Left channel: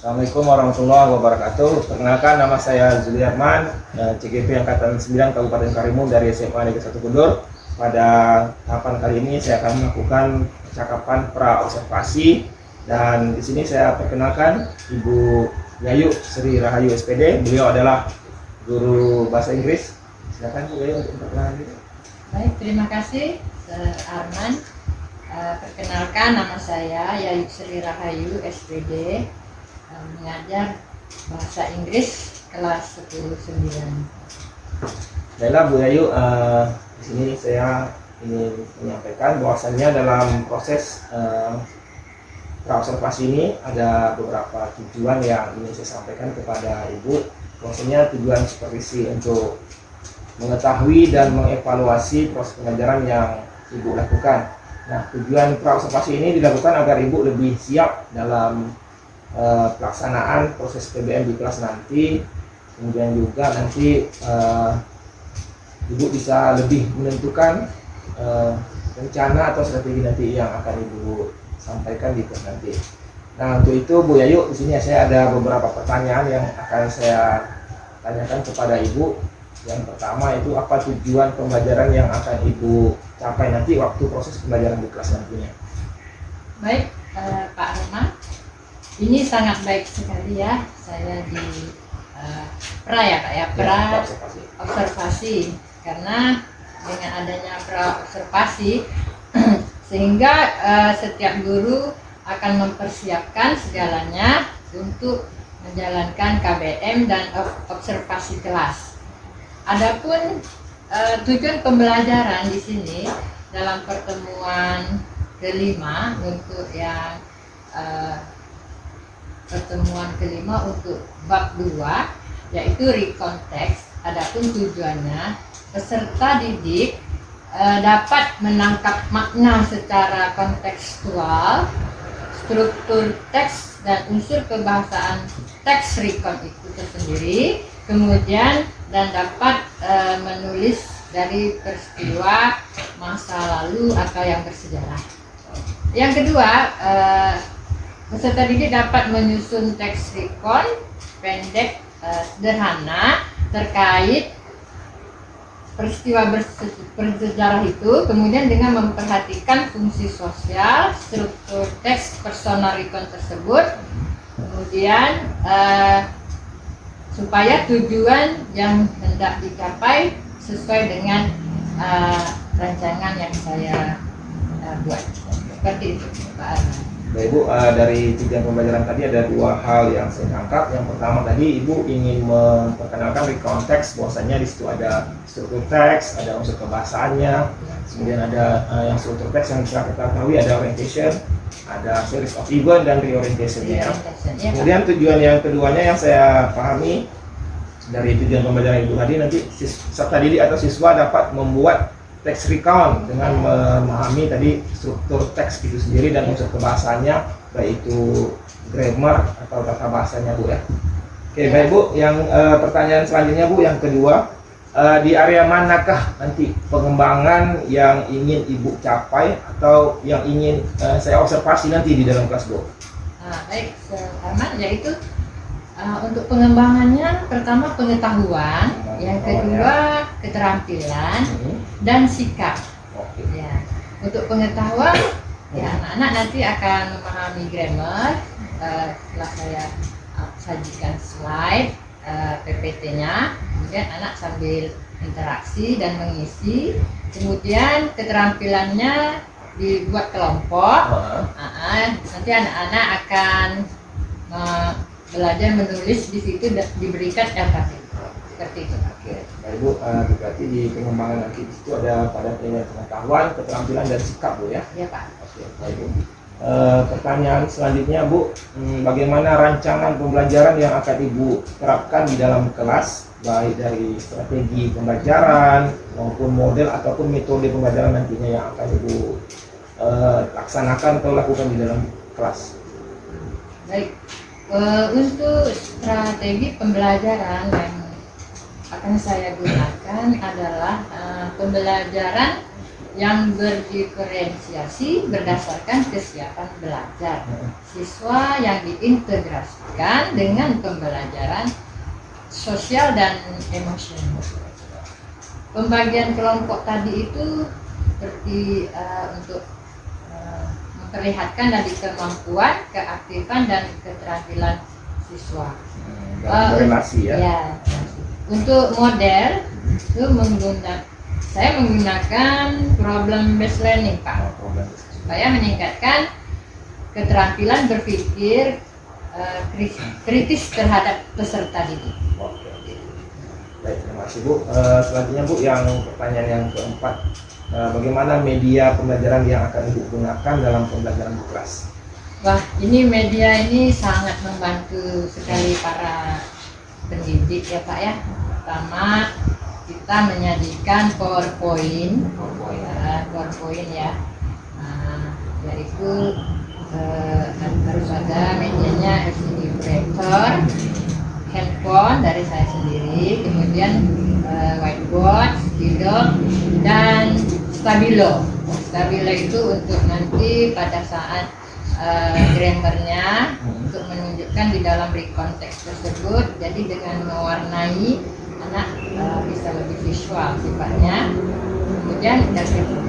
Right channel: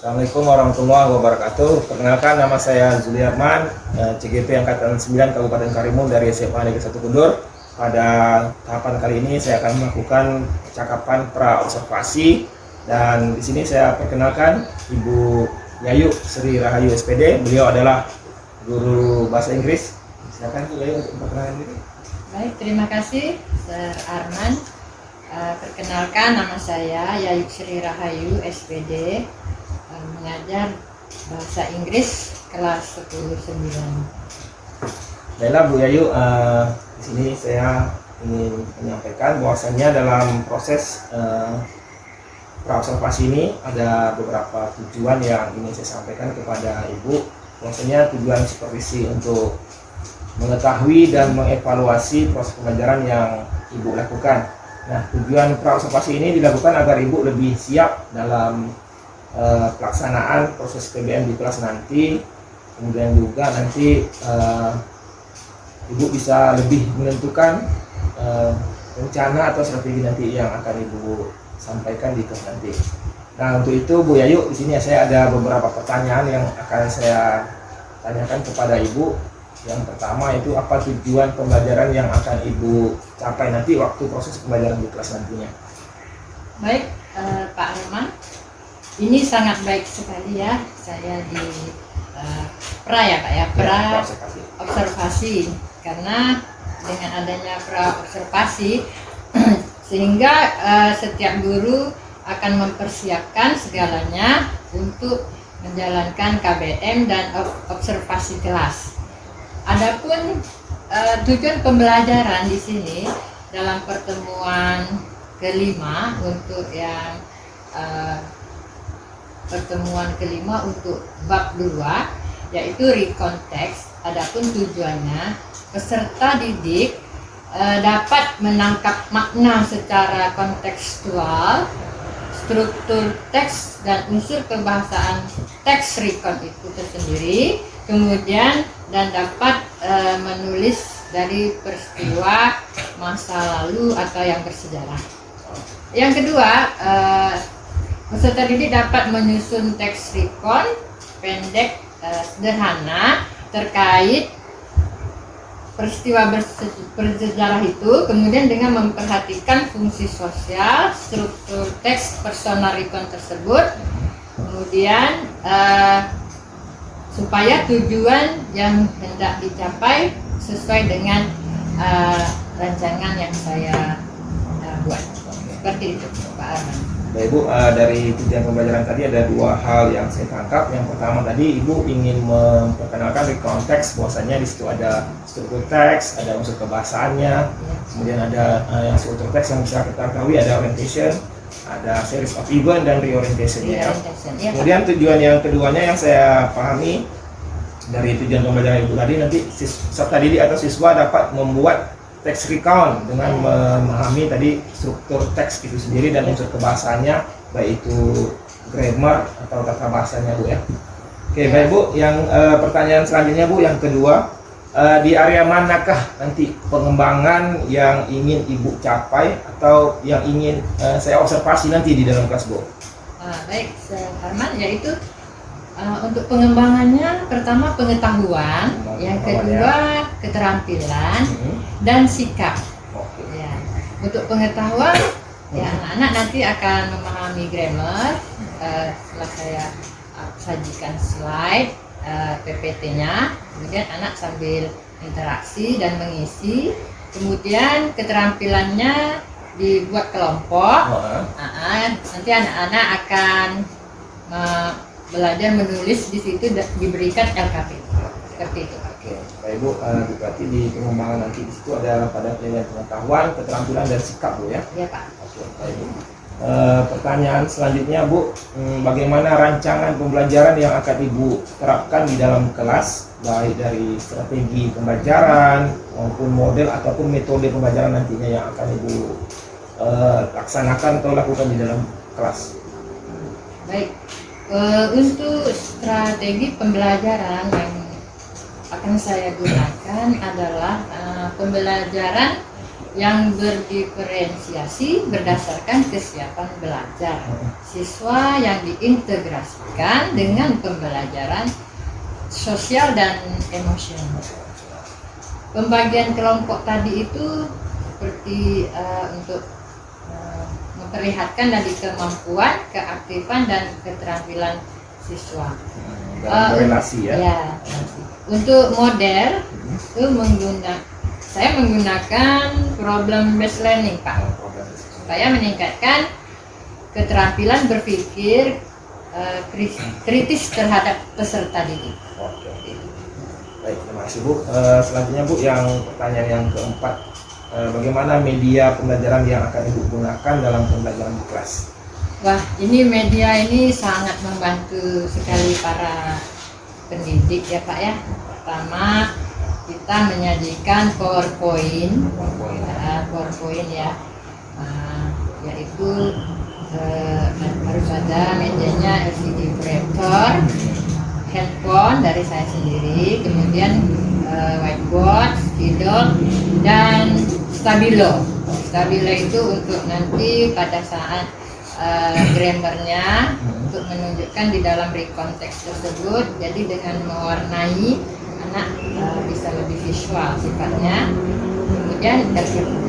Assalamualaikum warahmatullahi wabarakatuh. Perkenalkan, nama saya Zuliarman, CGP Angkatan 9 Kabupaten Karimun dari SMA Negeri 1 Kundur. Pada tahapan kali ini saya akan melakukan percakapan pra-observasi, dan di sini saya perkenalkan Ibu Yayu Sri Rahayu SPD. Beliau adalah guru bahasa Inggris. Silakan Bu Yayu untuk memperkenalkan diri. Baik, terima kasih Sir Arman. Perkenalkan, nama saya Yayu Sri Rahayu SPD, mengajar bahasa Inggris kelas 10-9. Baiklah Bu Yayu, di sini saya ingin menyampaikan bahwasannya dalam proses pra-observasi ini ada beberapa tujuan yang ingin saya sampaikan kepada Ibu. Bahwasanya tujuan supervisi untuk mengetahui dan mengevaluasi proses pembelajaran yang Ibu lakukan. Nah, tujuan pra-observasi ini dilakukan agar Ibu lebih siap dalam pelaksanaan proses PBM di kelas nanti. Kemudian juga nanti Ibu bisa lebih menentukan rencana atau strategi nanti yang akan Ibu sampaikan di kelas nanti. Nah, untuk itu Bu Yayu, di sini saya ada beberapa pertanyaan yang akan saya tanyakan kepada Ibu. Yang pertama itu, apa tujuan pembelajaran yang akan Ibu capai nanti waktu proses pembelajaran di kelas nantinya? Baik, Pak Arman, ini sangat baik sekali ya. Saya di pra-observasi, karena dengan adanya pra-observasi sehingga setiap guru akan mempersiapkan segalanya untuk menjalankan KBM dan observasi kelas. Adapun tujuan pembelajaran di sini dalam pertemuan kelima untuk yang pertemuan kelima untuk bab 2, yaitu recontext. Adapun tujuannya, peserta didik dapat menangkap makna secara kontekstual, struktur teks dan unsur kebahasaan teks recon itu tersendiri, kemudian dan dapat menulis dari peristiwa masa lalu atau yang bersejarah. Yang kedua, peserta didik dapat menyusun teks recon pendek sederhana terkait peristiwa bersejarah itu, kemudian dengan memperhatikan fungsi sosial, struktur teks personal recon tersebut, kemudian supaya tujuan yang hendak dicapai sesuai dengan rancangan yang saya buat. Seperti itu, Pak Arman. Baik Bu, dari tujuan pembelajaran tadi ada dua hal yang saya tangkap. Yang pertama tadi Ibu ingin memperkenalkan recontext, bahwasanya di situ ada struktur teks, ada unsur kebahasaannya, kemudian ada yang struktur teks yang bisa kita ketahui ada orientation, ada series of event dan reorientation ya. Kemudian tujuan yang keduanya yang saya pahami dari tujuan pembelajaran Ibu tadi, nanti peserta didik atau siswa dapat membuat teks recount dengan memahami tadi struktur teks itu sendiri dan unsur kebahasannya, baik itu grammar atau tata bahasanya Bu ya. Oke, baik Bu, yang pertanyaan selanjutnya Bu, yang kedua, di area manakah nanti pengembangan yang ingin Ibu capai atau yang ingin saya observasi nanti di dalam kelas Bu? Baik, Arman, yaitu untuk pengembangannya, pertama pengetahuan, yang kedua keterampilan dan sikap. Ya. Untuk pengetahuan, ya anak-anak nanti akan memahami grammar. Setelah saya sajikan slide PPT-nya, kemudian anak sambil interaksi dan mengisi. Kemudian keterampilannya dibuat kelompok. Nanti anak-anak akan belajar menulis, di situ diberikan LKP seperti itu. Oke, baik Bu, berarti di pengembangan nanti di situ ada pada penilaian pengetahuan, keterampilan dan sikap Bu ya? Iya Pak. Oke, baik Bu. Pertanyaan selanjutnya Bu, bagaimana rancangan pembelajaran yang akan Ibu terapkan di dalam kelas, baik dari strategi pembelajaran maupun model ataupun metode pembelajaran nantinya yang akan Ibu laksanakan atau lakukan di dalam kelas? Baik. Untuk strategi pembelajaran yang akan saya gunakan adalah pembelajaran yang berdiferensiasi berdasarkan kesiapan belajar siswa yang diintegrasikan dengan pembelajaran sosial dan emosional. Pembagian kelompok tadi itu seperti untuk memperlihatkan dari kemampuan, keaktifan dan keterampilan siswa. Dalam korelasi ya. Ya, untuk model itu saya menggunakan problem based learning, Pak, supaya meningkatkan keterampilan berpikir kritis terhadap peserta didik. Oke. Baik, terima kasih Bu. Selanjutnya Bu, yang pertanyaan yang keempat, bagaimana media pembelajaran yang akan Ibu gunakan dalam pembelajaran di kelas? Wah, ini media ini sangat membantu sekali para pendidik ya Pak ya. Pertama, kita menyajikan PowerPoint ya, yaitu harus ada medianya LCD projector, handphone dari saya sendiri, kemudian whiteboard, spidol, dan stabilo. Stabilo itu untuk nanti pada saat grammarnya untuk menunjukkan di dalam recon teks tersebut. Jadi dengan mewarnai anak bisa lebih visual sifatnya. Kemudian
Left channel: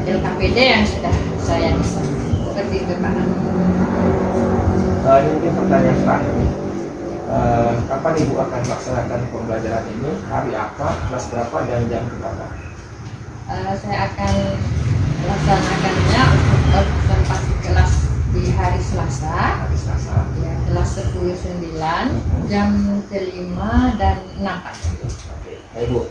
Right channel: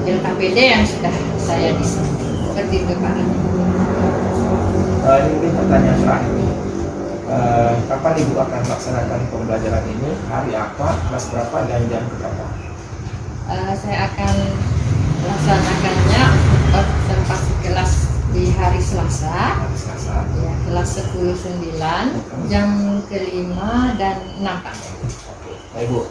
LKPD yang sudah saya desain seperti itu Pak. Ini mungkin pertanyaan terakhir nih. Kapan Ibu akan melaksanakan pembelajaran ini? Hari apa, kelas berapa, dan jam berapa? Saya akan melaksanakannya observasi kelas di hari Selasa. Hari Selasa. Ya, kelas 10-9, jam ke-5 dan 6 Pak. Oke, baik Bu.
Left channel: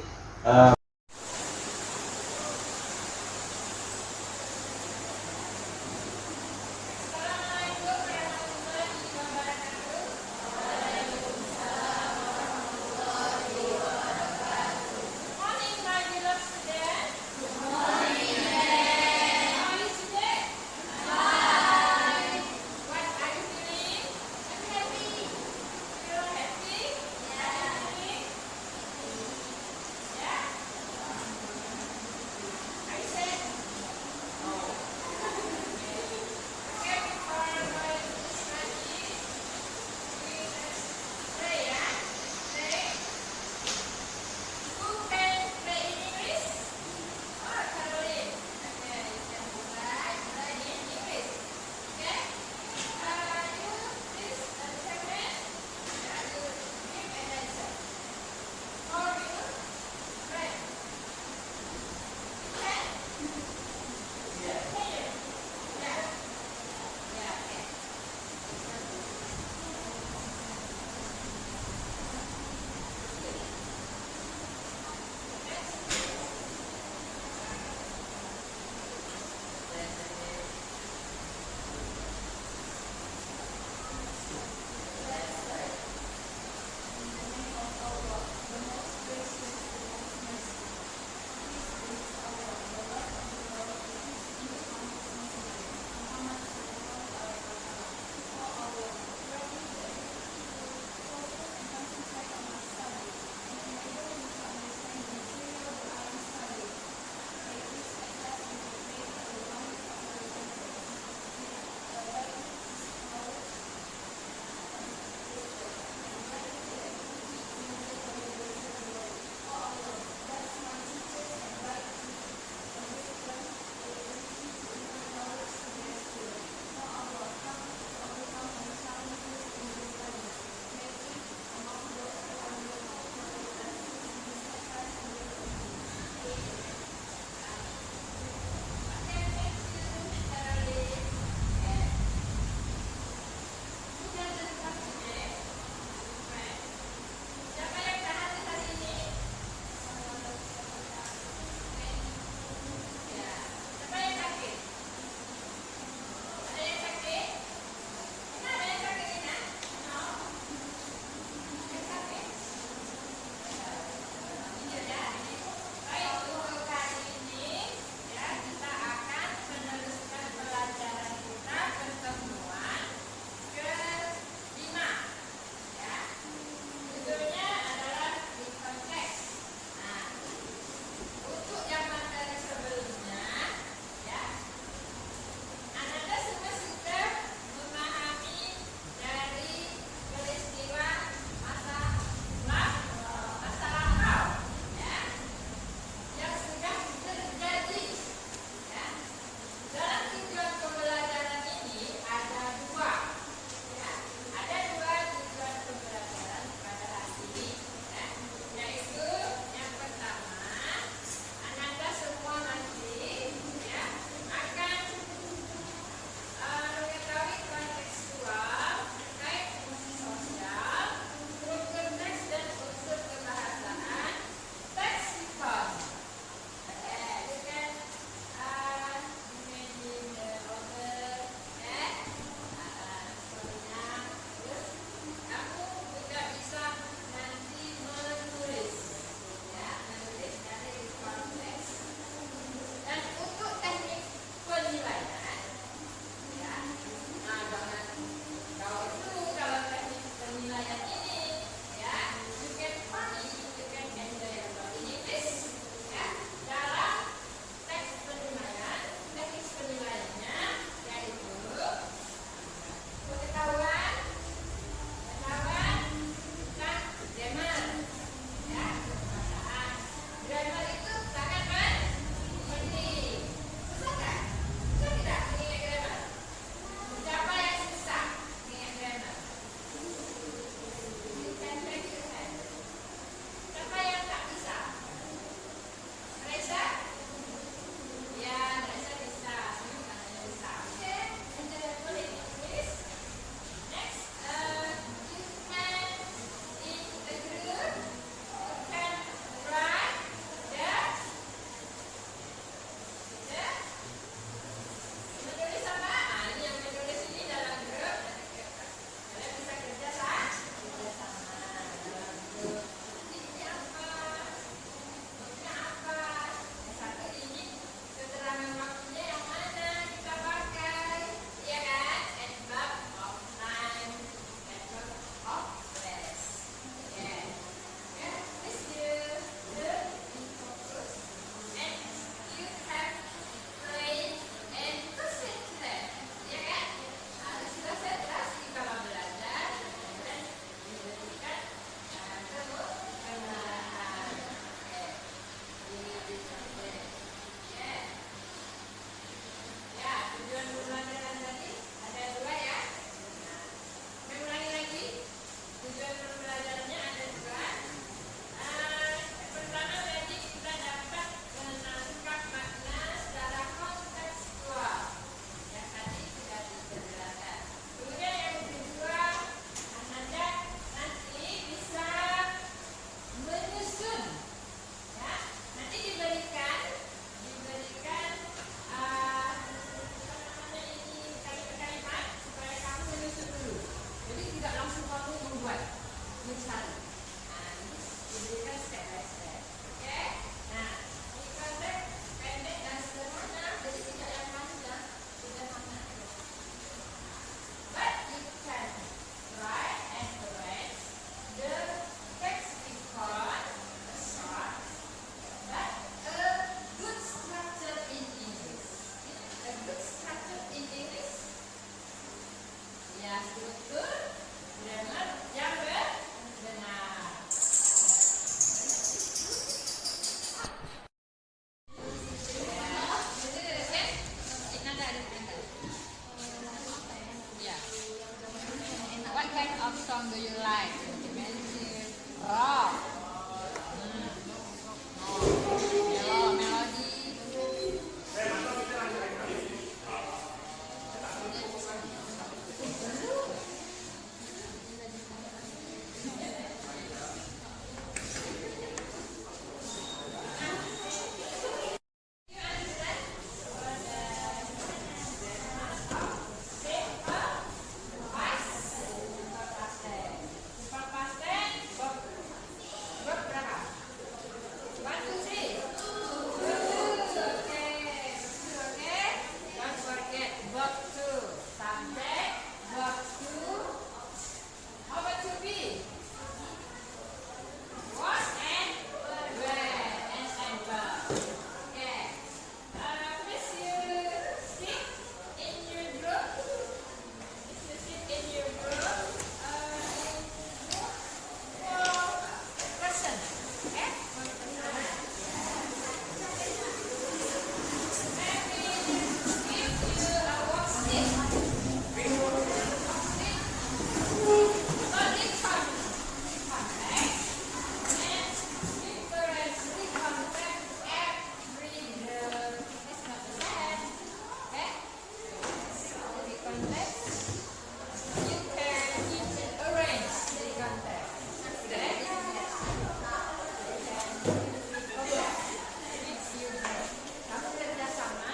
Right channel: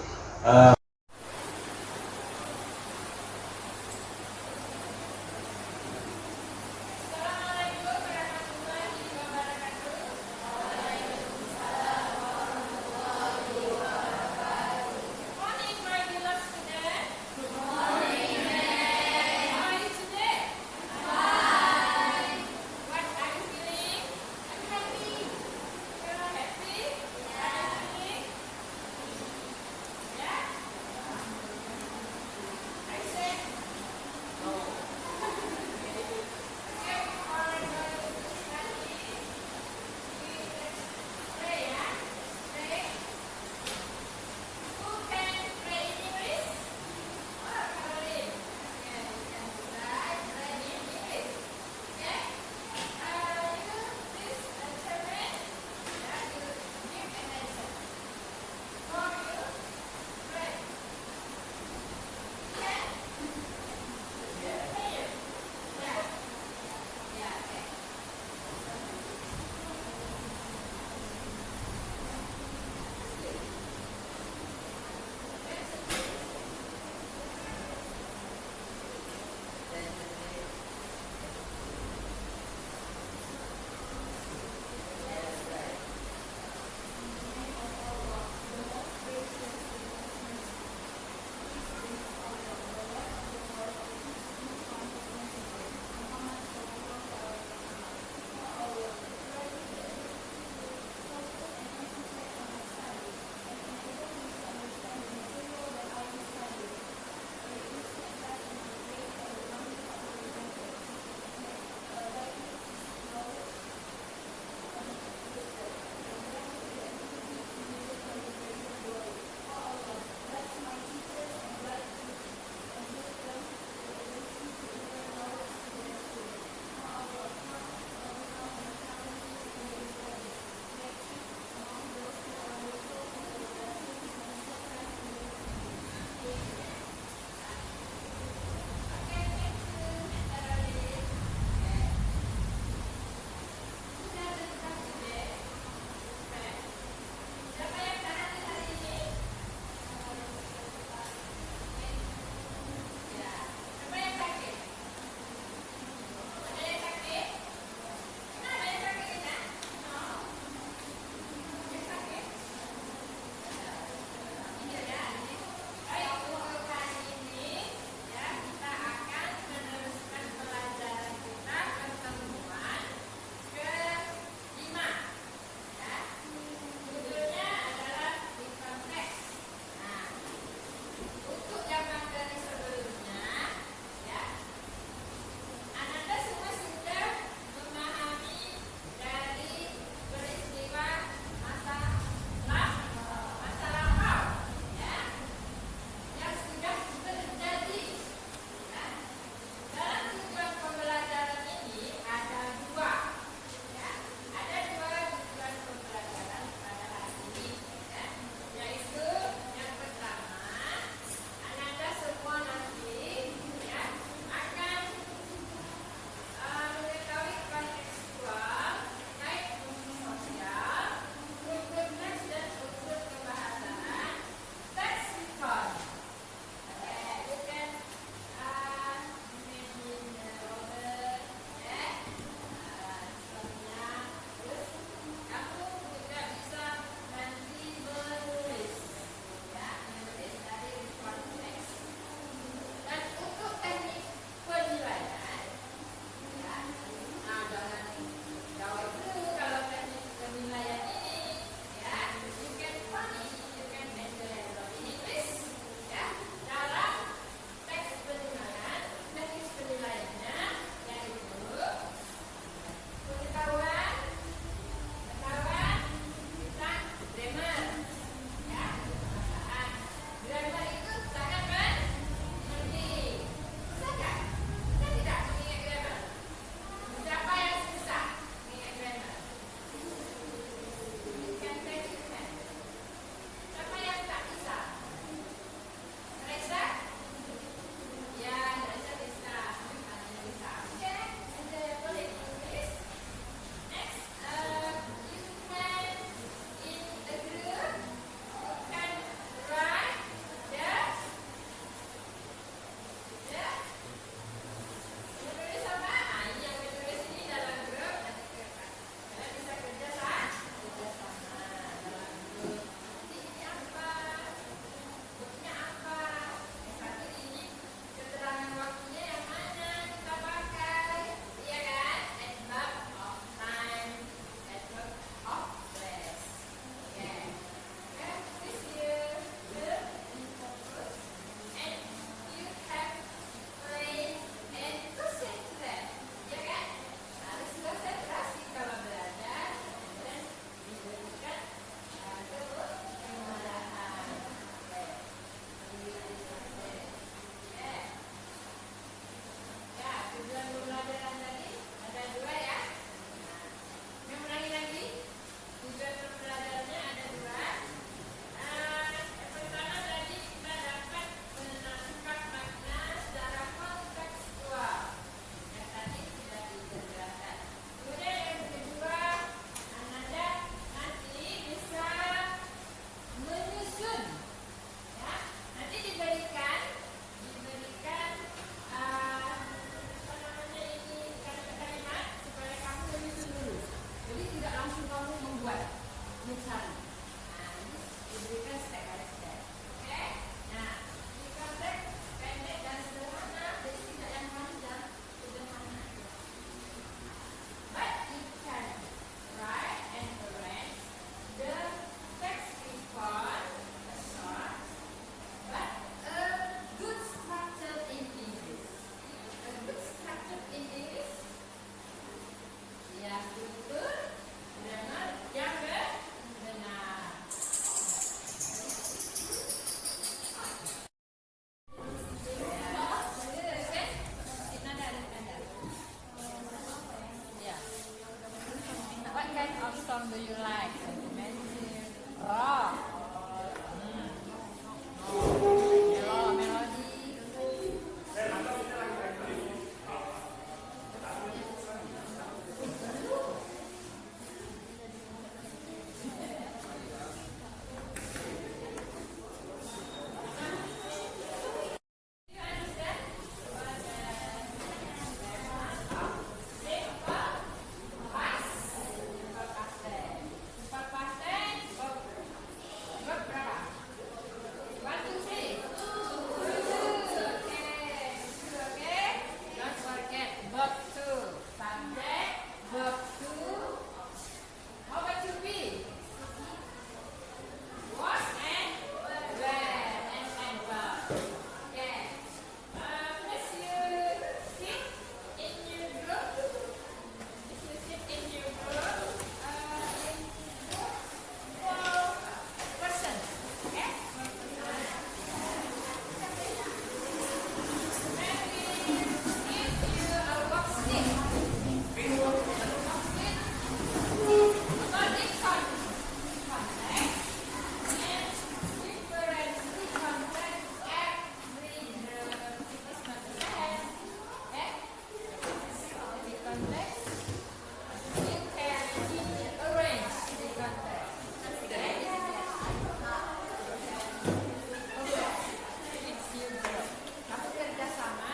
Kamu kerjasama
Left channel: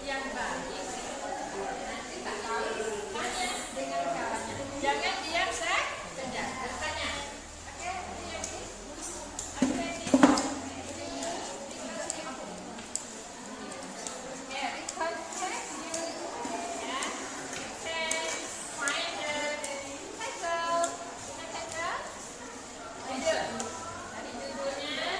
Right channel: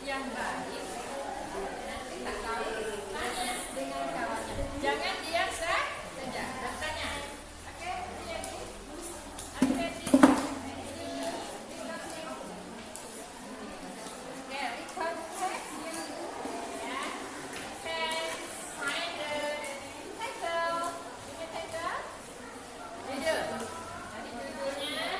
yang baik. Nanti tak tahu tanya dengan kawannya. Jangan diam saja. Bertanya. Oke, ready? Are you ready? Okay, we contact you. Yeah. Okay. Find the title. Punya title? Judul. Tadi judulnya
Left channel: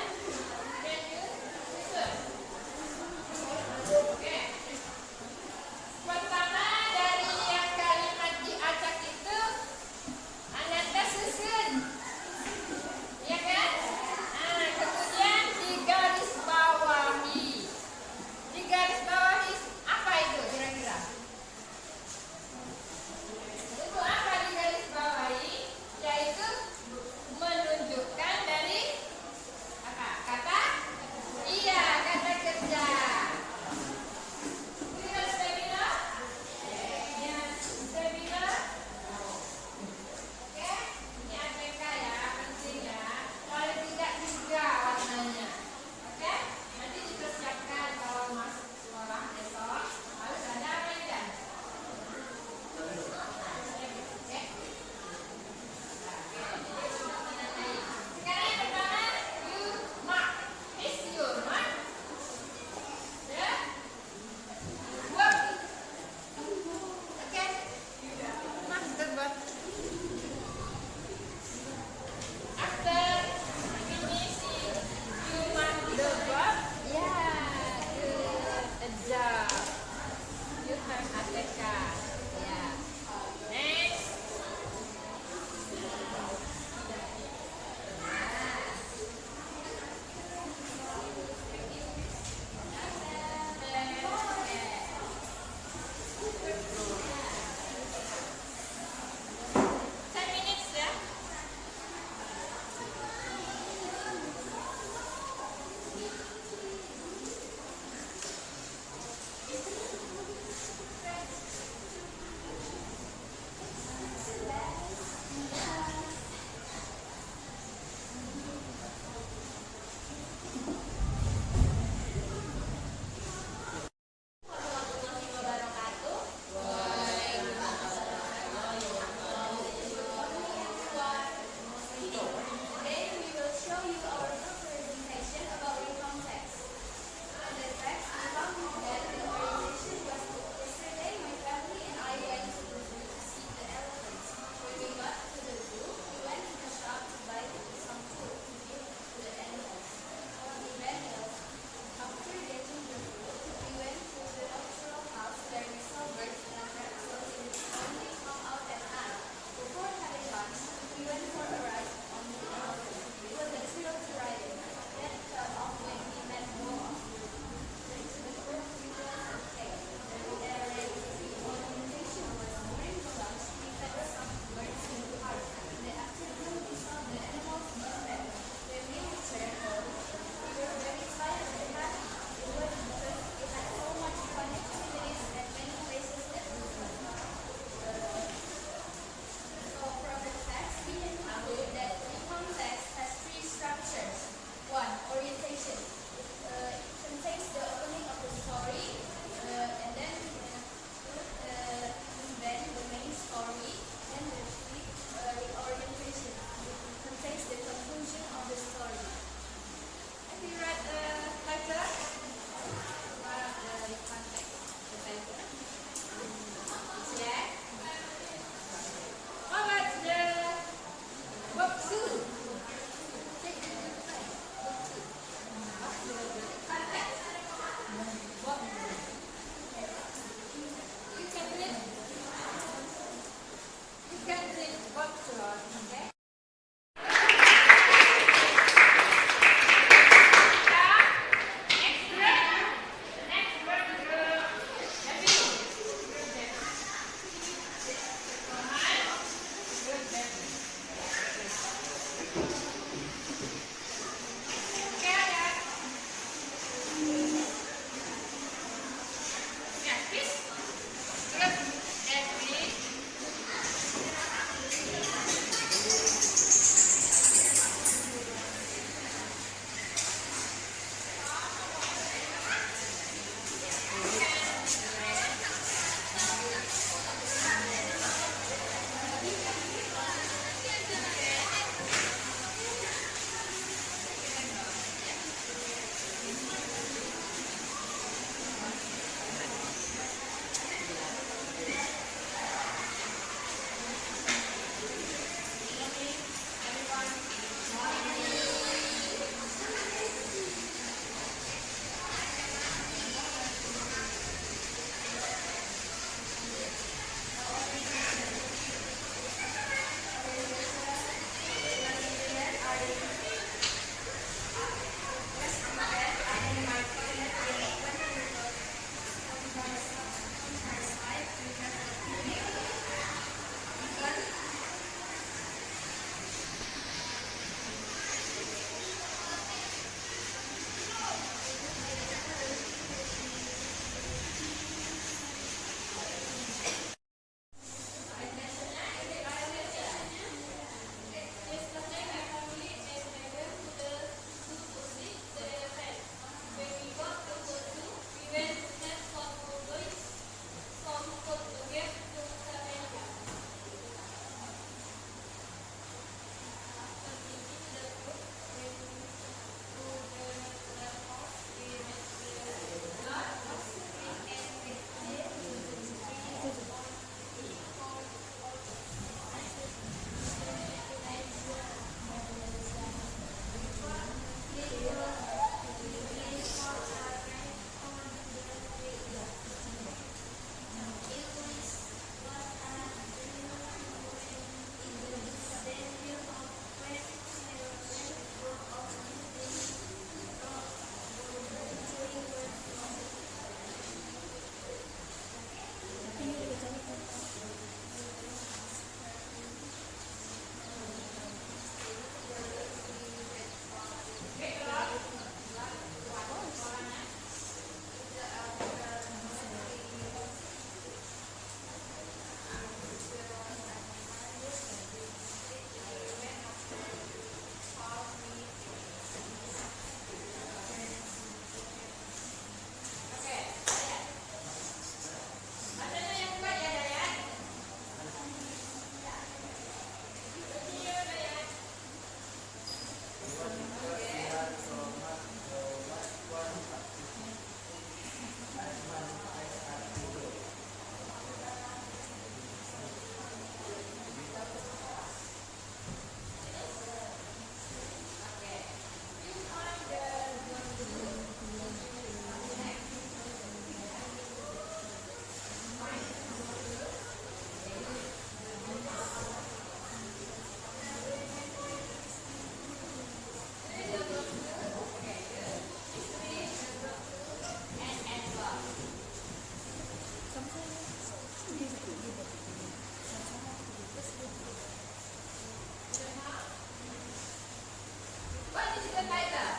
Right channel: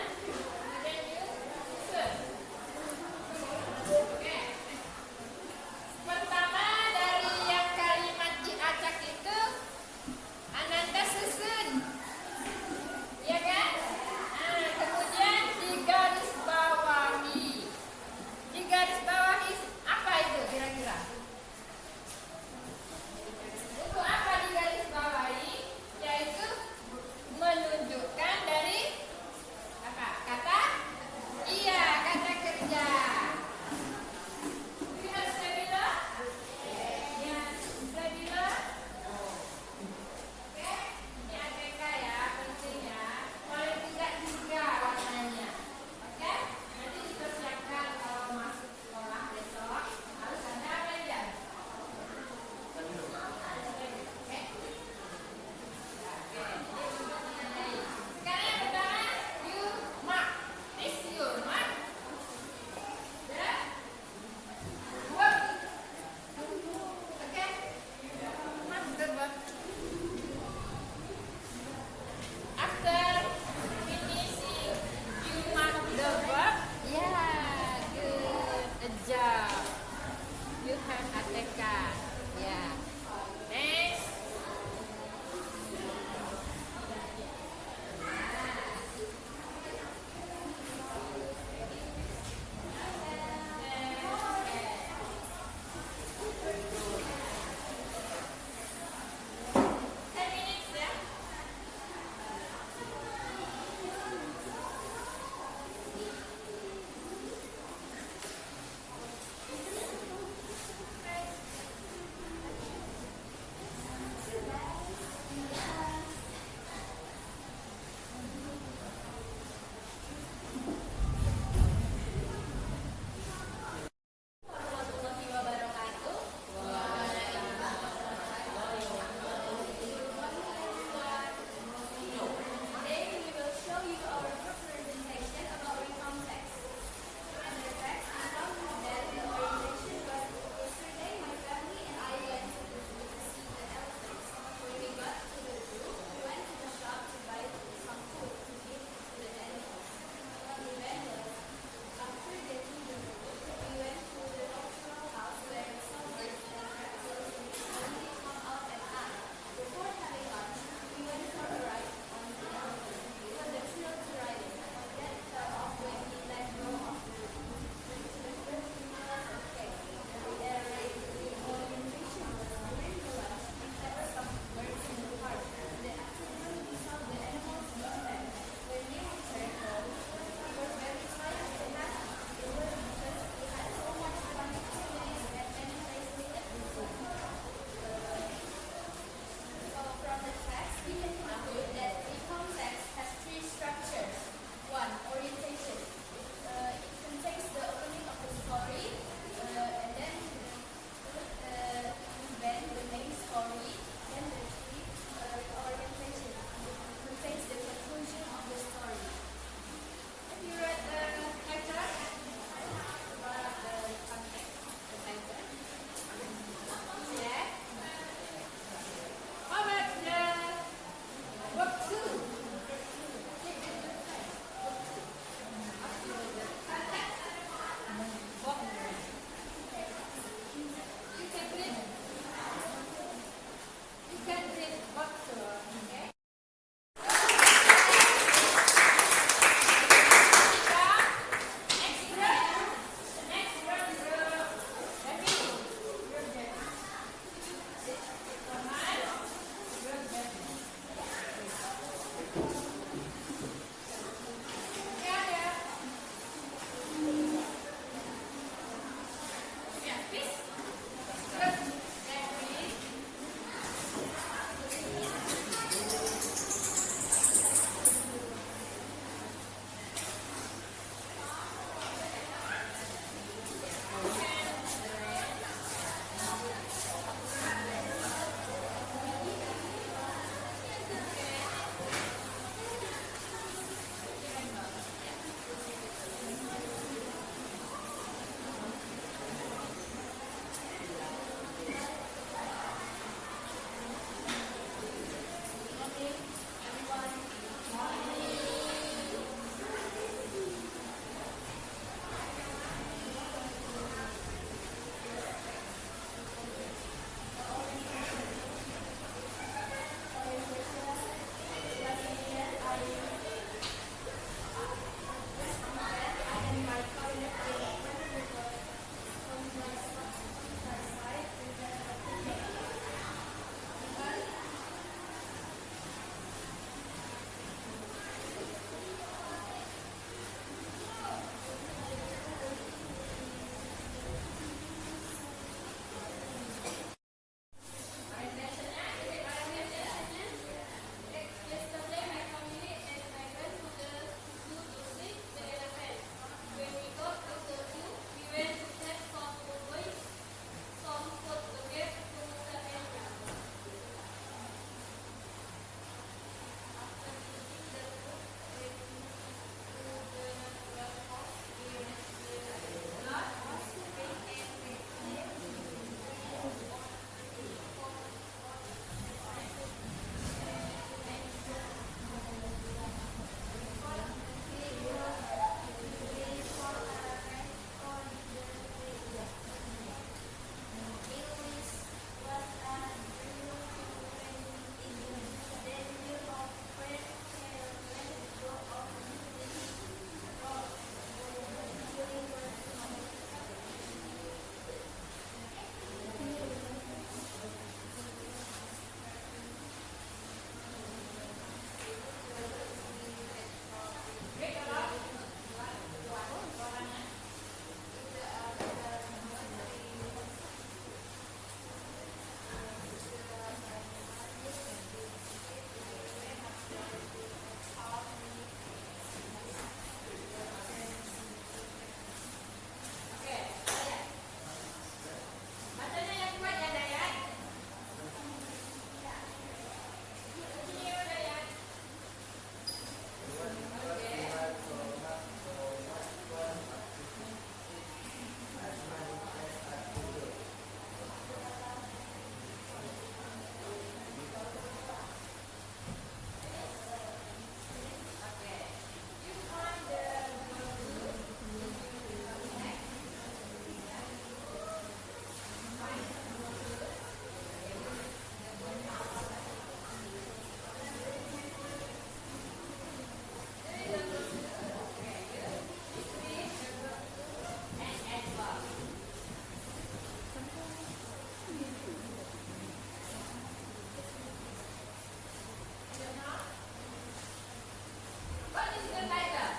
is the title?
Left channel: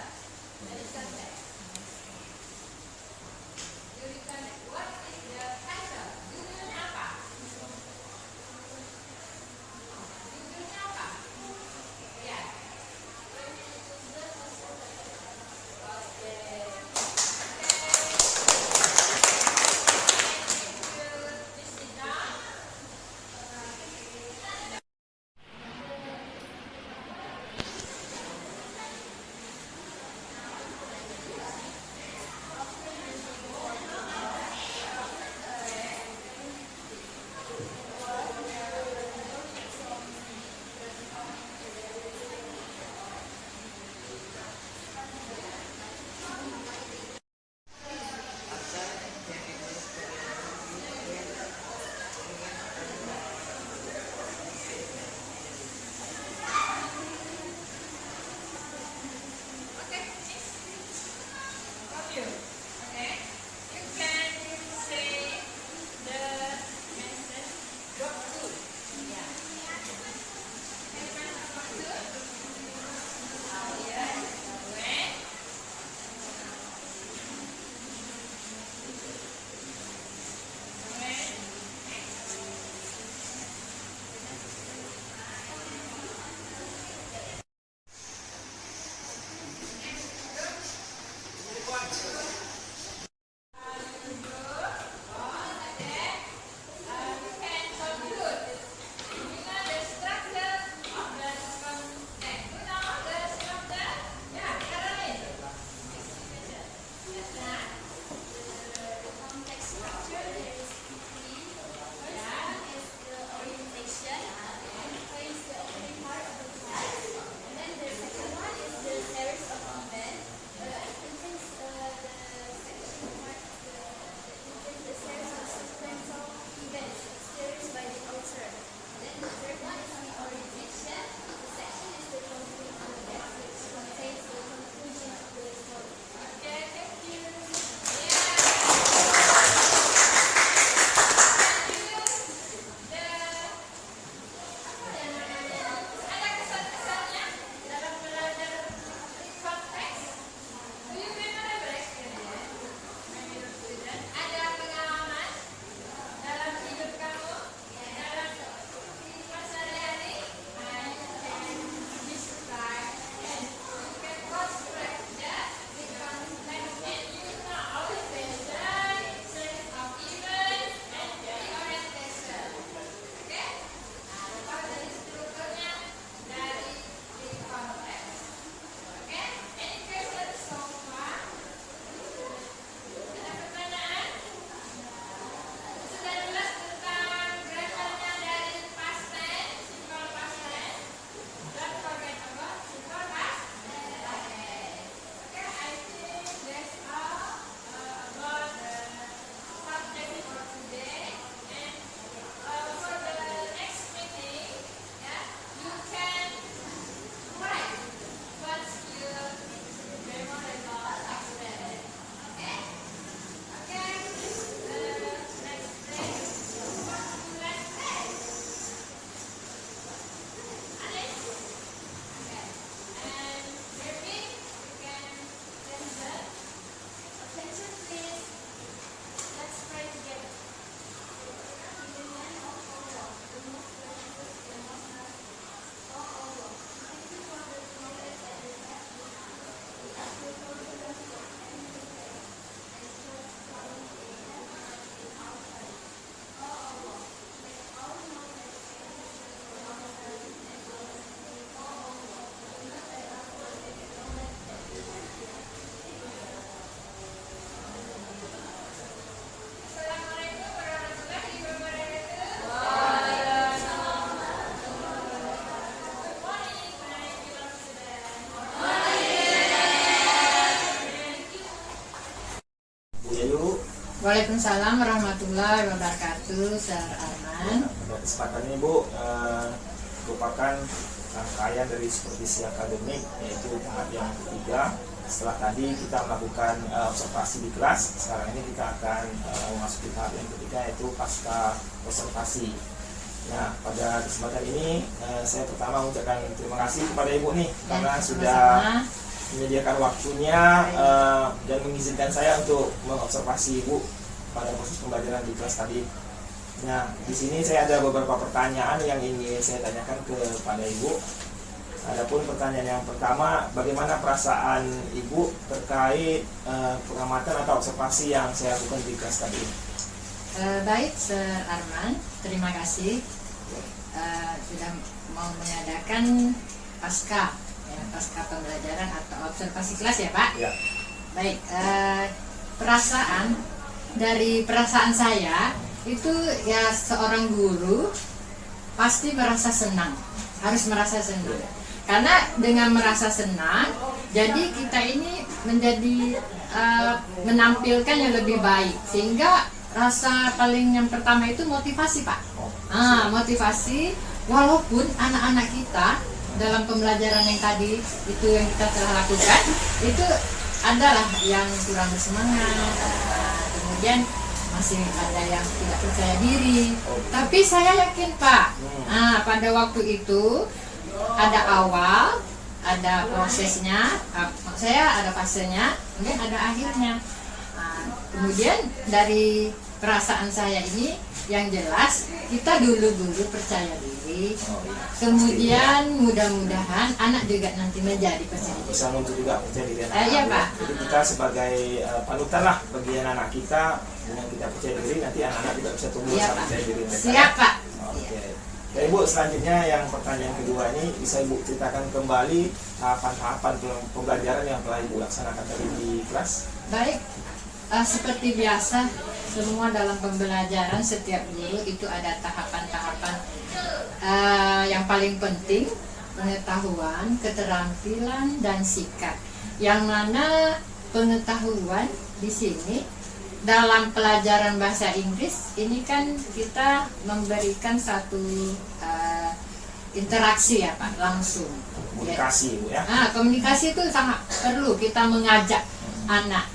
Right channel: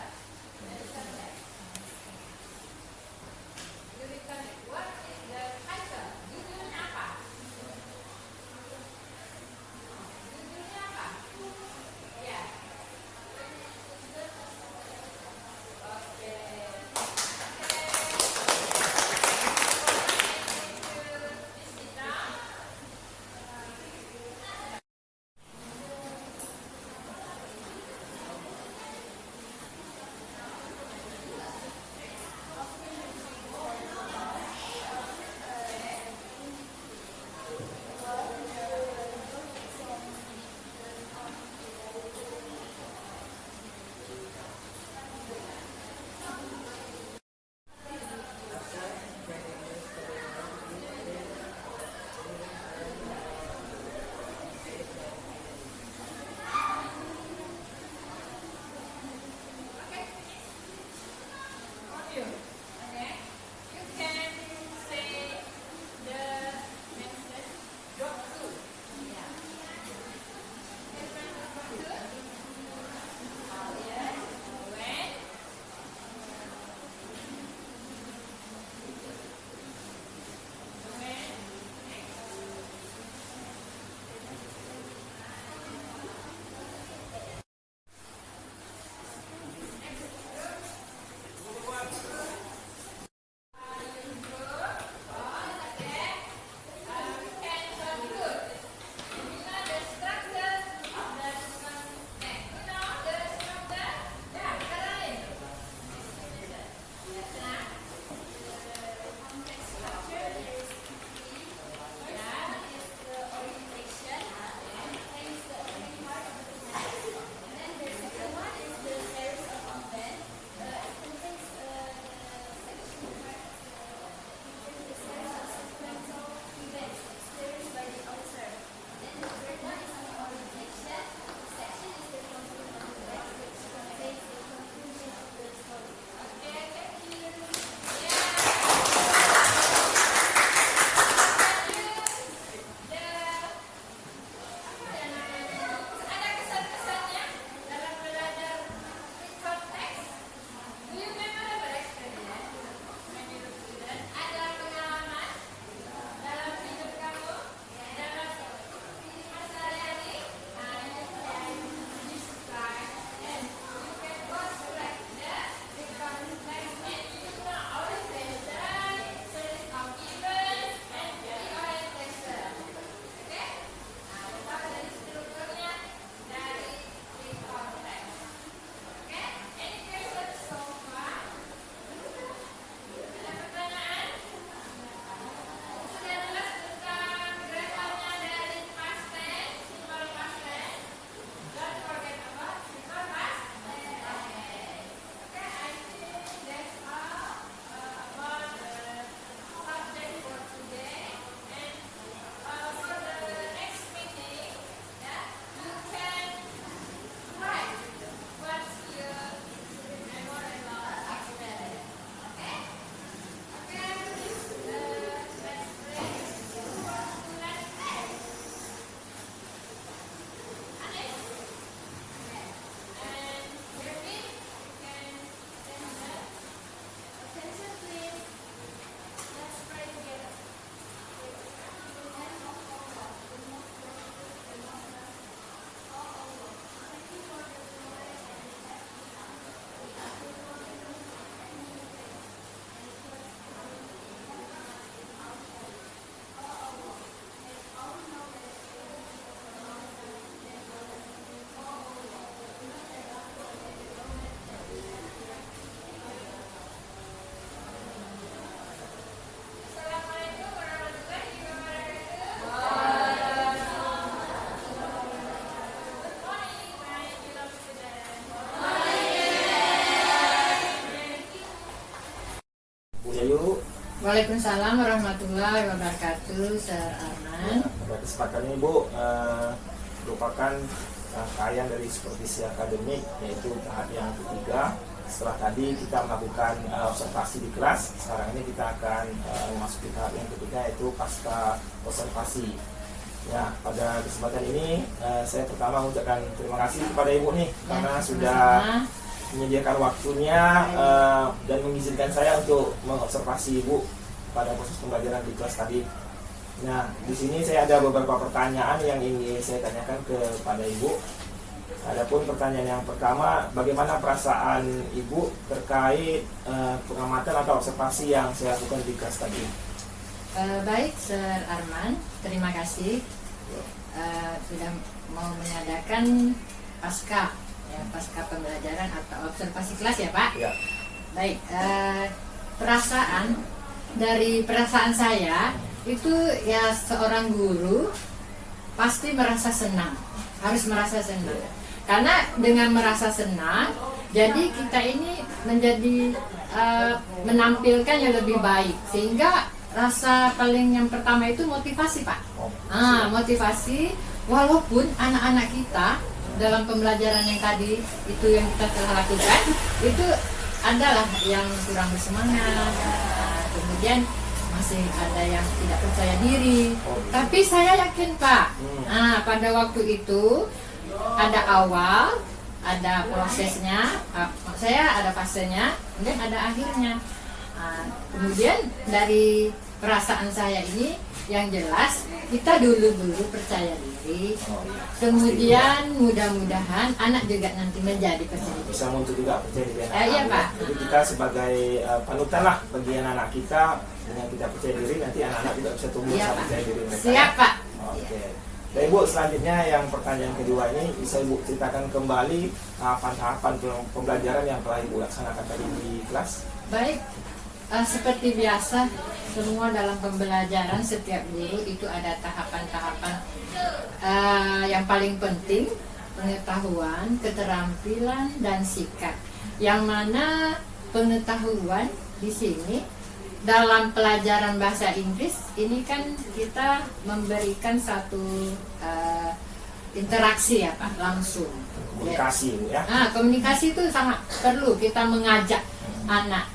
That is context. You reconnect. What is the title? Judulnya apa? Judulnya apa? Ya. Waalaikumsalam warahmatullahi wabarakatuh, Sir Arman. Pada kesempatan ini Bu, merupakan rangkaian dari supervisi akademik, yaitu tahap yang ketiga. Setelah tadi kita melakukan observasi di kelas, sekarang ini kita akan memasuki tahap yang ketiga, yaitu pasca observasi. Ya, pada kesempatan ini saya pertama mengucapkan terima kasih kepada Ibu nih, karena sudah menyediakan waktunya dan mengizinkan saya untuk mengobservasi Ibu pada proses pembelajaran di kelas tadi. Nah, di sini saya ada beberapa pertanyaan yang ingin saya tanyakan kepada Ibu. Adapun pertanyaan yang pertama, bagaimana perasaan Ibu terkait pengamatan atau observasi yang saya lakukan di kelas tadi? Baik, Sir Arman, terima kasih sudah mau mengadakan pasca pembelajaran atau observasi kelas ya Pak. Ya. Baik, perasaan saya itu ya seorang guru pasti merasa senang, harus merasa senang. Karena dengan merasa senang, jadi kita ini menjadi menampilkan yang lebih baik, sehingga rasa paling yang pertama itu motivasi Pak. Motivasi, walaupun anak-anak kita dalam pembelajaran yang tadi itu yang kita telah lakukan itu adalah yang kurang bersemangat, kemudian masih ada yang tidak percaya diri. Tapi saya yakin Pak, pada waktu itu ada awal, ada prosesnya, saya ada fasenya, kemudian ada akhirnya. Kemudian dari perasaan saya ini yang jelas kita dulu percaya diri, kemudian mudah-mudahan anak juga nanti menjadi percaya diri. Bisa muncul juga percaya diri anak. Iya Pak. Jadi kita sebagai panutan lah bagi anak kita, dengan kita percaya diri nanti anak-anak juga bisa tumbuh percaya diri mereka. Siap Pak. Oke. Ya Ibu, selanjutnya yang pertanyaan kedua ini bisa Ibu ceritakan kembali tahapan-tahapan pembelajaran yang telah Ibu laksanakan tadi di kelas. Baik, seperti biasa semua dalam pembelajaran setiap guru itu ada tahapan-tahapan yang paling penting, pengetahuan, keterampilan, dan sikap. Yang mana pengetahuan di sini dalam pelajaran bahasa Inggris ini kan kita memberikan satu interaksi ya Pak, langsung. Komunikasi Ibu ya. Komunikasi itu sangat perlu, kita mengajak anak.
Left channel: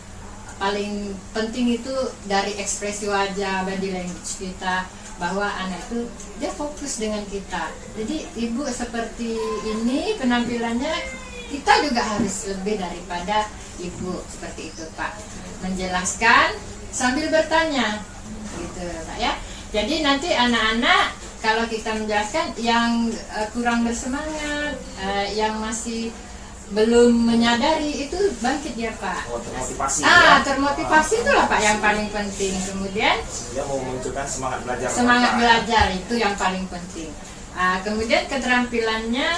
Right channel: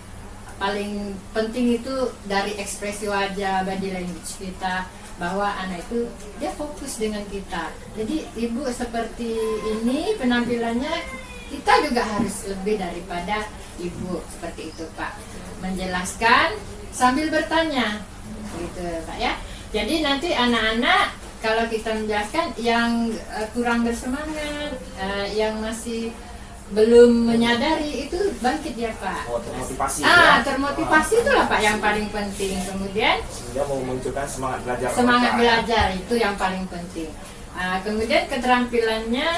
Paling penting itu dari ekspresi wajah, body language kita, bahwa anak itu dia fokus dengan kita. Jadi Ibu seperti ini penampilannya, kita juga harus lebih daripada Ibu seperti itu Pak, menjelaskan sambil bertanya gitu Pak ya. Jadi nanti anak-anak kalau kita menjelaskan yang kurang bersemangat, yang masih belum menyadari, itu bangkit ya Pak. Termotivasi termotivasi itulah Pak yang paling penting. Kemudian sehingga mau memunculkan semangat belajar. Semangat belajar itu yang paling penting. Kemudian keterampilannya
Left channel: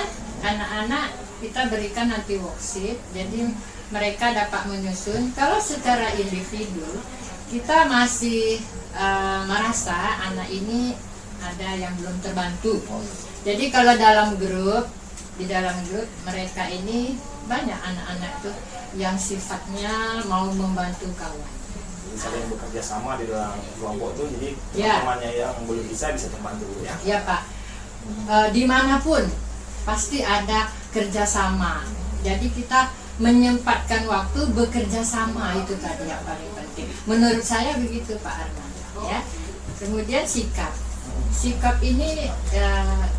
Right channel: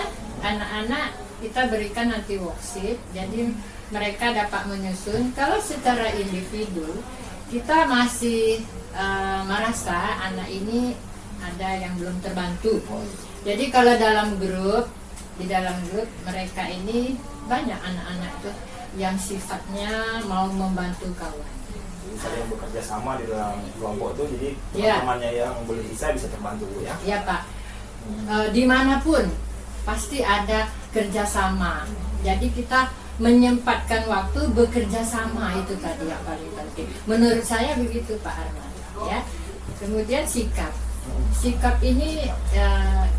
anak-anak kita berikan nanti worksheet, jadi mereka dapat menyusun. Kalau secara individu kita masih merasa anak ini ada yang belum terbantu. Jadi kalau di dalam grup mereka ini banyak anak-anak itu yang sifatnya mau membantu kawan. Jadi saling bekerja sama di dalam kelompok itu, jadi teman-temannya yang belum bisa terbantu ya. Iya Pak. Dimanapun pasti ada kerjasama. Jadi kita menyempatkan waktu bekerja sama, itu tadi yang paling penting. Menurut saya begitu Pak Arman. Ya. Kemudian sikap. Sikap ini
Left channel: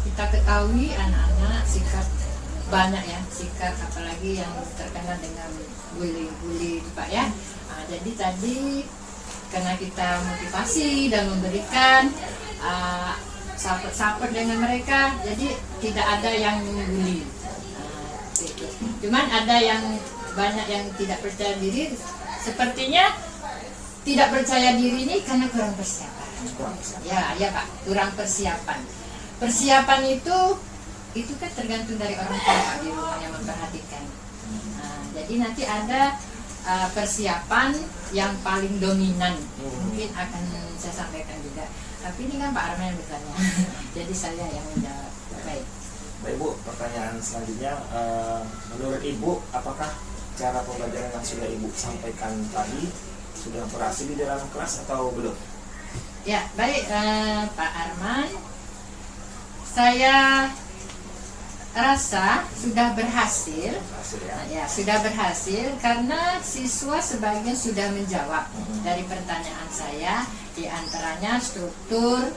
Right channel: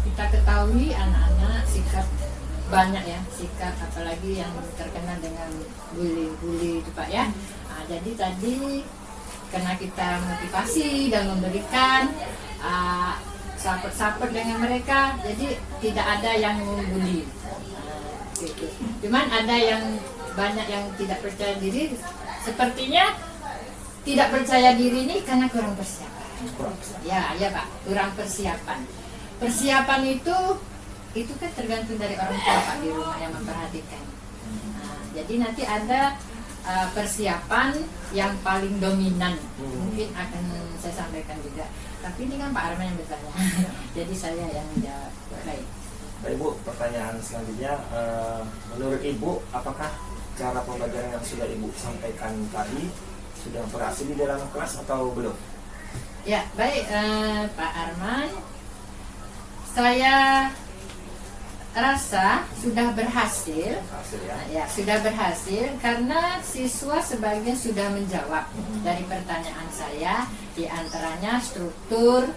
kita ketahui anak-anak sikap banyak ya, sikap apalagi yang terkena dengan bully itu Pak ya. Jadi tadi karena kita motivasi dan memberikan support dengan mereka, jadi tidak ada yang membuli. Cuman ada yang banyak yang tidak percaya diri, sepertinya tidak percaya diri ini karena kurang persiapan. Ya Pak, kurang persiapan. Persiapan itu kan tergantung dari orang tua Pak di rumah yang memperhatikan. Jadi nanti ada persiapan yang paling dominan, mungkin akan saya sampaikan juga. Tapi ini kan Pak Arman yang bertanya, jadi saya yang menjawab. Baik. Baik Bu, pertanyaan selanjutnya, menurut Ibu apakah cara pembelajaran yang sudah Ibu sampaikan tadi sudah berhasil di dalam kelas atau belum? Ya, baik Pak Arman, saya rasa sudah berhasil. Ya, sudah berhasil karena siswa sebagian sudah menjawab dari pertanyaan saya, di antaranya struktur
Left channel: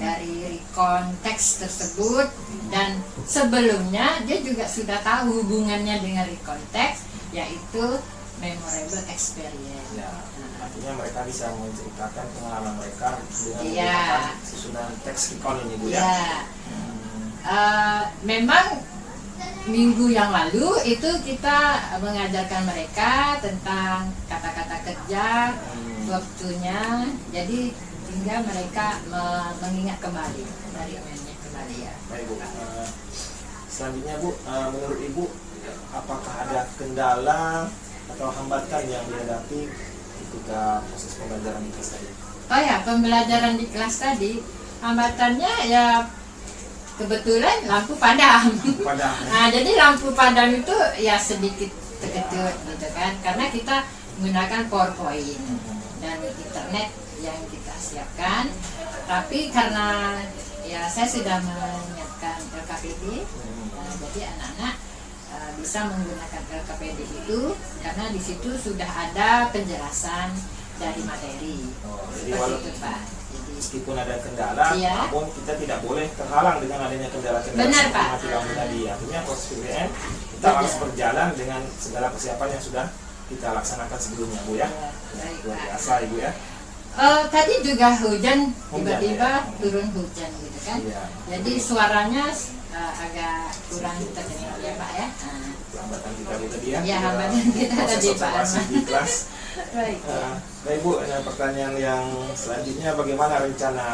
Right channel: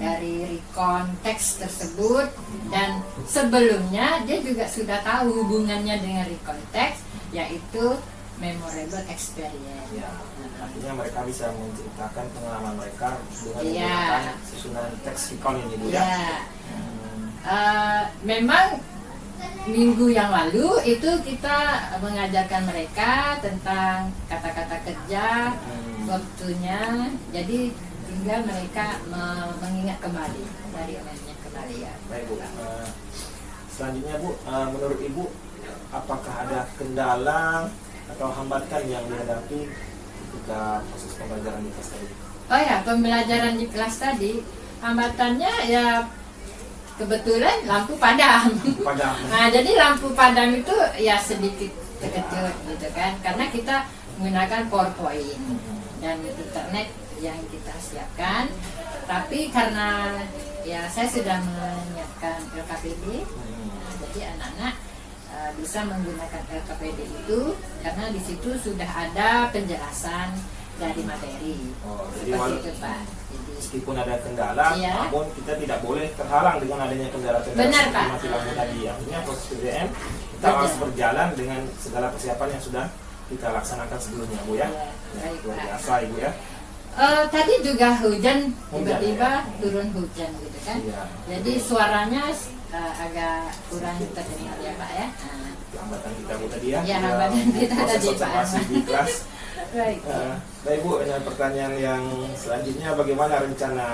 dari konteks tersebut, dan sebelumnya dia juga sudah tahu hubungannya dengan konteks, yaitu memorable experience. Ya, artinya mereka bisa menceritakan pengalaman mereka dengan Iya. menggunakan susunan teks recount ini Bu ya. Ya, Hmm. memang minggu yang lalu itu kita mengajarkan mereka tentang kata-kata kerja, waktunya, jadi tinggal mereka mengingat kembali, mengingat kembali ya. Baik Bu. Selanjutnya Bu, menurut Ibu apakah ada kendala atau hambatan yang dihadapi ketika proses pembelajaran di kelas tadi? Oh ya, pembelajaran di kelas tadi hambatannya ya kebetulan lampu padam. Padam. Nah, jadi lampu padam itu ya sedikit terkejut gitu kan, karena kita menggunakan PowerPoint dan internet yang kita siapkan. Tapi karena ya saya sudah menyiapkan LKPD, jadi anak-anak bisa menggunakan LKPD itu karena di situ sudah ada penjelasan dari materi. Jadi Seperti itu Pak. Jadi, meskipun ada kendala, Iya. namun kita tidak boleh terhalang dengan adanya kendala-kendala Benar, seperti Pak. yang dilakukan tadi. Artinya proses PBM kita Benar. harus berjalan dengan segala persiapan yang sudah kita laksanakan sebelumnya Bu ya. baik, Luar Pak. biasa Ibu ya. Tadi juga hujan, tiba-tiba ya? turun hujan gitu kan. Iya. Jadi suaranya agak kurang terdengar ya Pak ya. Itu hambatan kita Bu tadi ya. Ya, hambatan kita Proses tadi, Pak. observasi di kelas. Baik. Baik Bu, dengan pertanyaan yang selanjutnya bagaimana rencana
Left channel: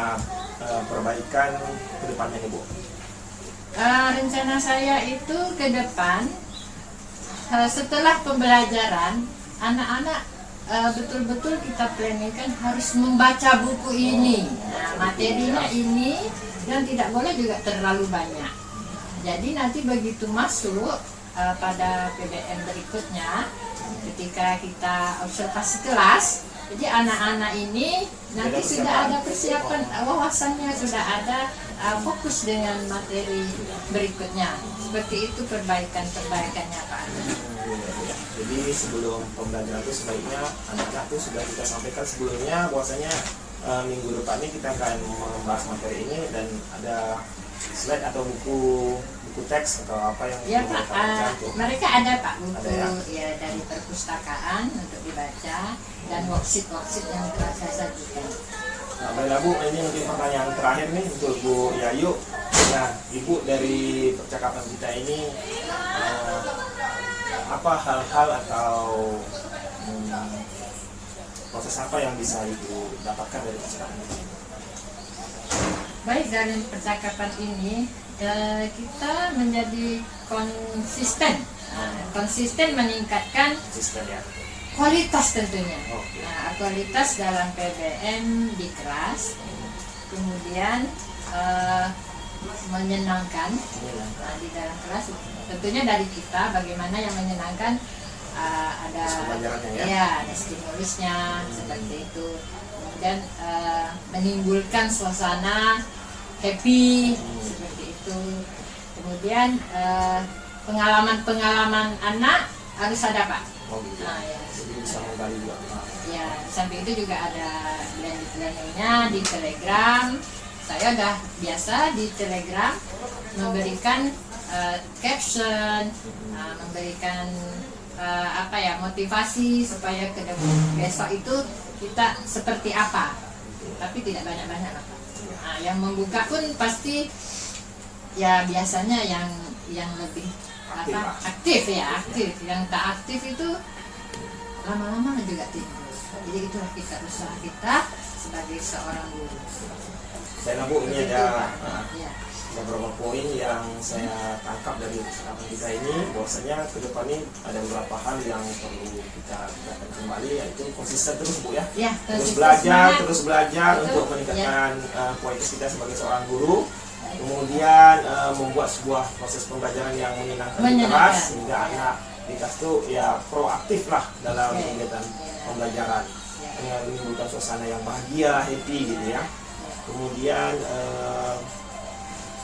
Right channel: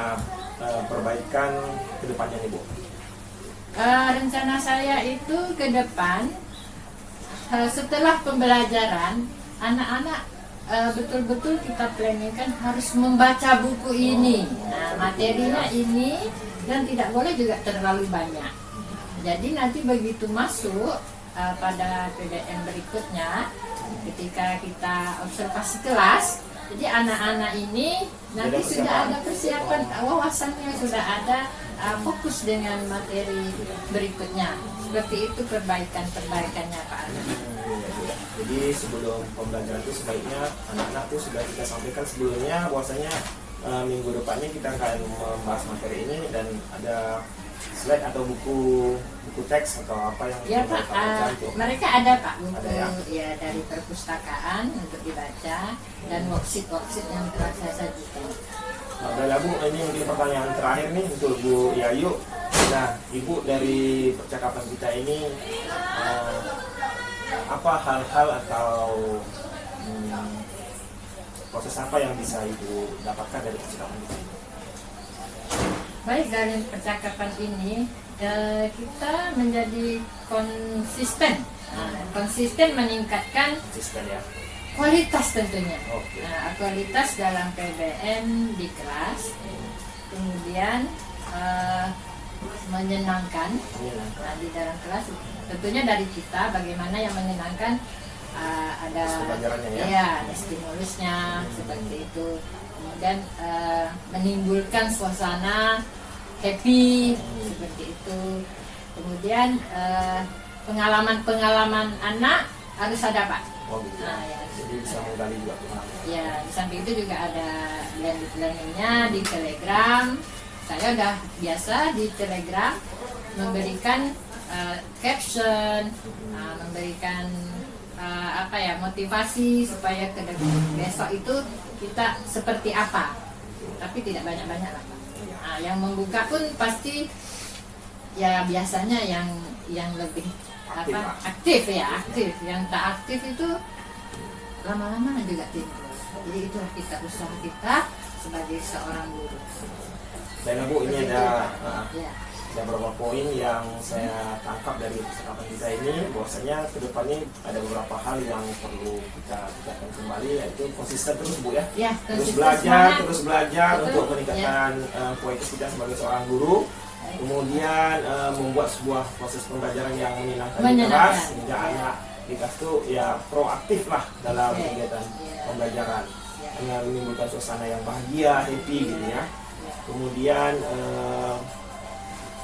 perbaikan ke depannya nih Bu? Rencana saya itu ke depan setelah pembelajaran anak-anak betul-betul kita planningkan harus membaca buku ini. Nah, materinya ini dan tidak boleh juga terlalu banyak. Jadi nanti begitu masuk pada PDM berikutnya, ketika kita observasi kelas, jadi anak-anak ini nanti sudah ada persiapan wawasannya, sudah ada fokus dengan materi berikutnya. Seperti itu perbaikannya Pak. Jadi sebelum pembelajaran itu sebaiknya anak-anak itu sudah kita sampaikan sebelumnya bahwasanya minggu depannya kita akan membahas materi ini dan ada slide atau buku teks atau apa yang Ya perlu Pak, kita baca itu. mereka ada Pak buku Ada ya? ya dari perpustakaan untuk dibaca dan worksheet yang telah saya sajikan. Nah, baiklah Bu, ini mungkin pertanyaan terakhir nih untuk Bu Yayu. Nah, Ibu dari percakapan kita ini apa hal-hal atau proses apa yang bisa Ibu dapatkan dari percakapan kita ini? Baik, dari percakapan ini kita menjadi konsisten. Konsisten meningkatkan Konsisten ya. kualitas tentunya. Oke. Kualitas dalam PBM di kelas, kemudian menyenangkan di dalam kelas. Tentunya dari kita bagaimana yang menyenangkan, ada Pembelajarannya ya? ya ada stimulusnya seperti itu. Kemudian menimbulkan suasana happy seperti itu. Kemudian pengalaman anak harus ada Pak. Oh gitu. Nah, ya. Jadi bisa menggali juga pengalaman. Ya, di samping itu juga ada blended learning-nya di Telegram. Saya udah biasa di Telegram memberikan caption, memberikan motivasi supaya ke besok itu kita seperti apa. Tapi tidak banyak-banyak lah Pak. Nah, yang membuka pun pasti ya biasanya yang lebih aktif. Yang tak aktif itu lama-lama juga timbul. Jadi itulah usaha kita sebagai seorang guru. Dan Bu, ini ada Ya. beberapa poin yang saya tangkap dari percakapan kita ini, bahwasanya ke depan ini ada beberapa hal yang perlu kita lakukan kembali, yaitu konsisten terus Bu ya. Ya, Terus konsisten belajar semangat. Betul. untuk meningkatkan kualitas kita sebagai seorang guru. Kemudian membuat sebuah proses pembelajaran yang menyenangkan di kelas, sehingga anak di kelas itu ya proaktif lah dalam kegiatan pembelajaran, dengan menimbulkan suasana yang bahagia, happy gitu ya. Kemudian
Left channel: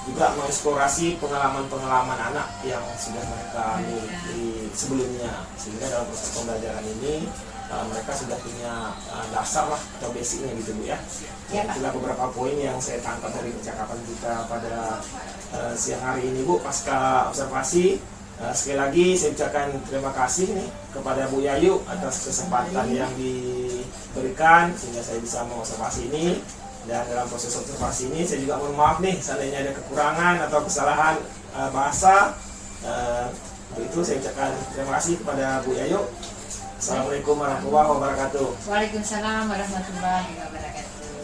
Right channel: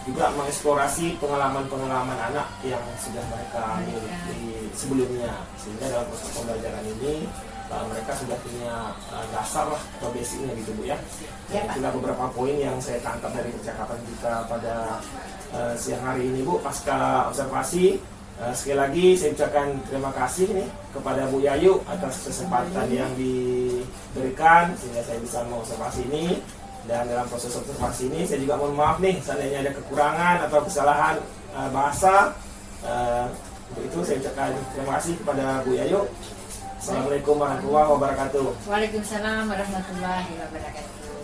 juga mengeksplorasi pengalaman-pengalaman anak yang sudah mereka miliki sebelumnya, sehingga dalam proses pembelajaran ini mereka sudah punya dasar lah atau basicnya gitu Bu ya. Itulah beberapa poin yang saya tangkap dari percakapan kita pada siang hari ini Bu, pasca observasi Sekali lagi saya ucapkan terima kasih nih kepada Bu Yayu atas kesempatan yang diberikan sehingga saya bisa mengobservasi ini. Dan dalam proses observasi ini saya juga mohon maaf nih seandainya ada kekurangan atau kesalahan bahasa. Untuk itu saya ucapkan terima kasih kepada Bu Yayu. Assalamualaikum warahmatullahi wabarakatuh. Waalaikumsalam warahmatullahi wabarakatuh.